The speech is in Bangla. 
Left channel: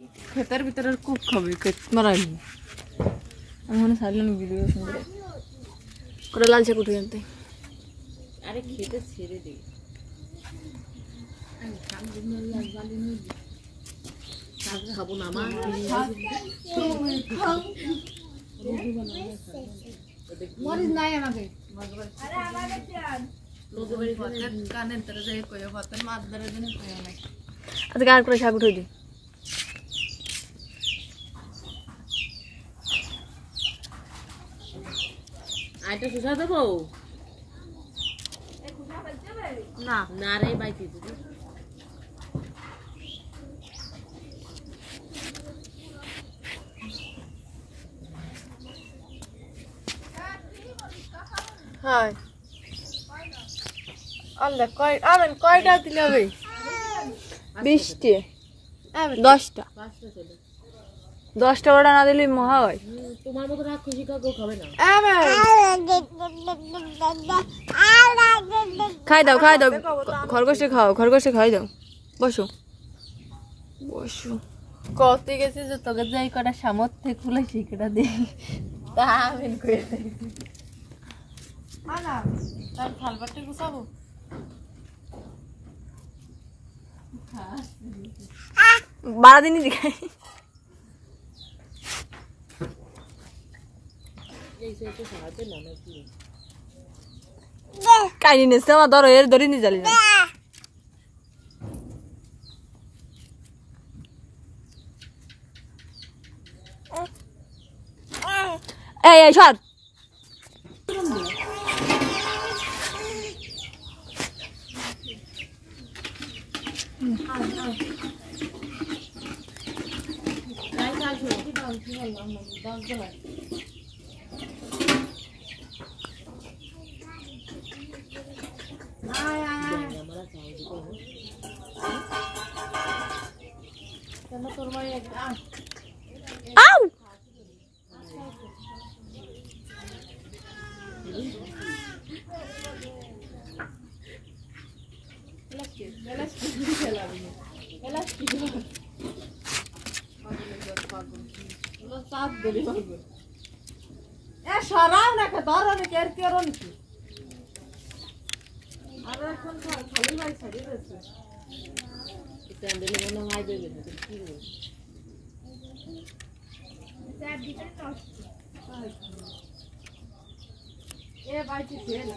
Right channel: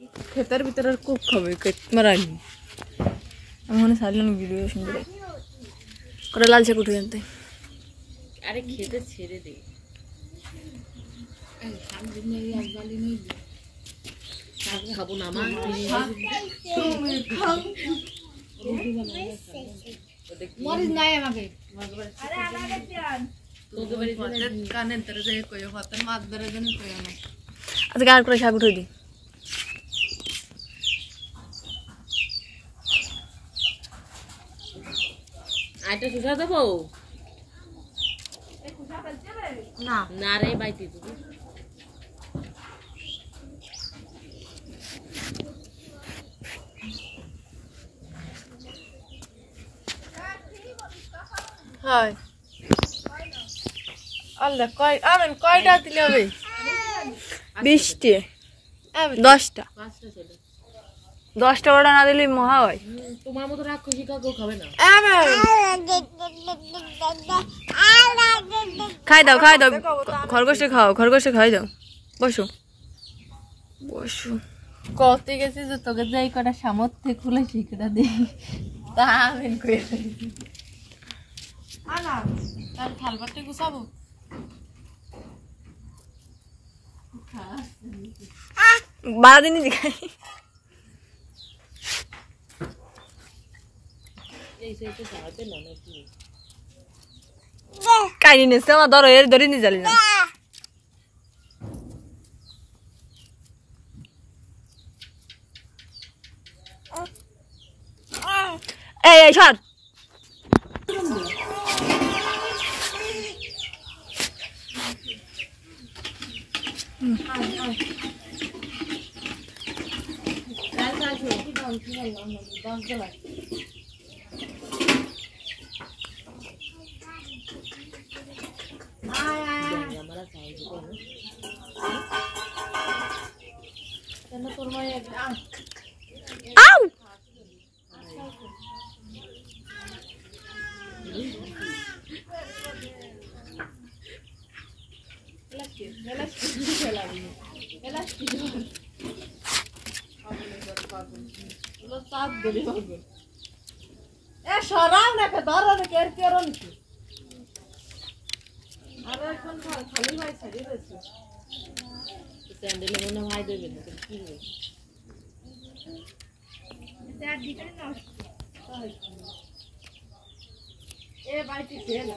ক্ষেতের ভিতরে খুব খাবে মারানি আমি মনে সারলাম ভিডিও সুন্দর করে লাল চা উঠে জানতে আরে খেতে ছেড়ে দে খাবো না আমার মরিস নাই আমাকে আজকে আর করে শাক উঠে দি আইটা সুজা দেবো না না রে বাইতে দিবি হাই আল্লাহ কয় আমেন কয়টা দিলে হবে 20টি 10টা 10টা ওটা না দিলে মহা হয় তোমার মতো রাগ খুশি কাকু খাবে না খাই দাও খরগোশে খাও খরগোশে খাই দাও বসো বসো কত গেছে যে তোকে যাই কটা সামর্থ্যে খুলে শিখটা দে তা আমেন কই আনা তার থালবাটি গুছাবো বারা দিনই দেখাই কাহিনী নিচ্ছে আমার ধরো এর ধরে নিয়ে যালি না এই সর সরাও না ধরো না কের কেরো নাকি আর এখন খালি ভাই ছাড়িয়ে দিয়েছে স্যান্ডেলে মনে হয় দেবে না কি হবে স্যার ভিতরে নষ্ট এ বাইটি ফেল